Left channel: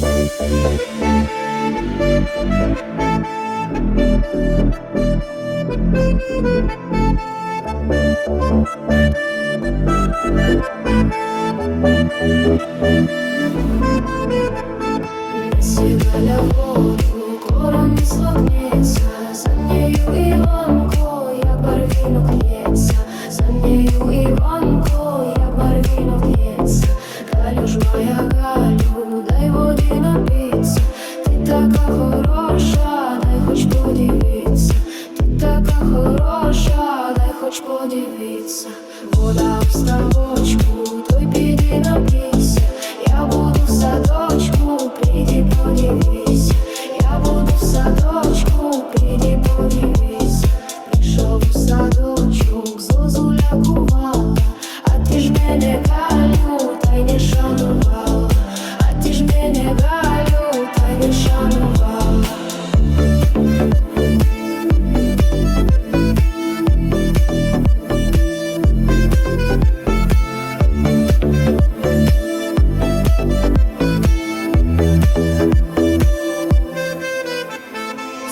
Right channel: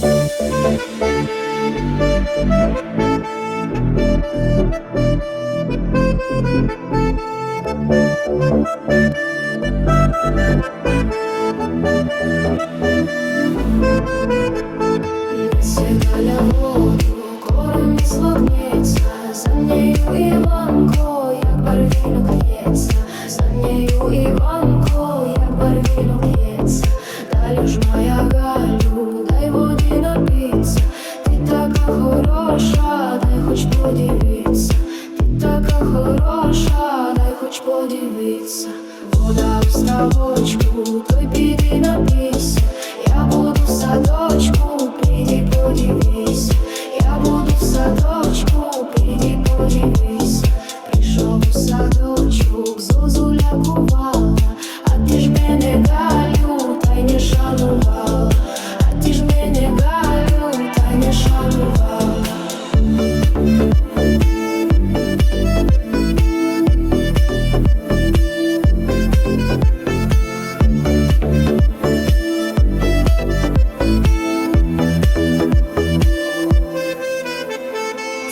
Сигали воду, кором не слогнеться За нею Іванко, подивитися Вода в ставочку, той піди напійся Я буду в садочку, піди подивись Я буду в садочку, піди подивись Прийшов у садочок, зозуля кувала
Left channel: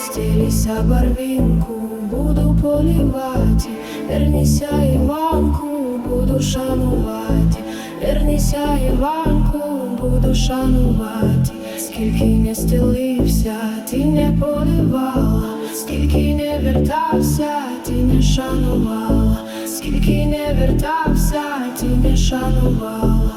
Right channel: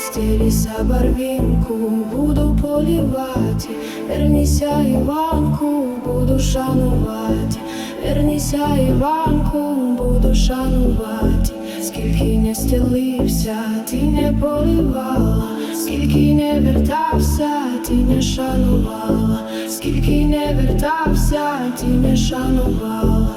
Стелися барвінку, буду полівати, верніся Іванку, буду шанувати, верніся Іванку, буду шанувати, скільки не стелився, ти не полівала, скільки не вертався, ти не шанувала, скільки не вертався, ти не шанувала.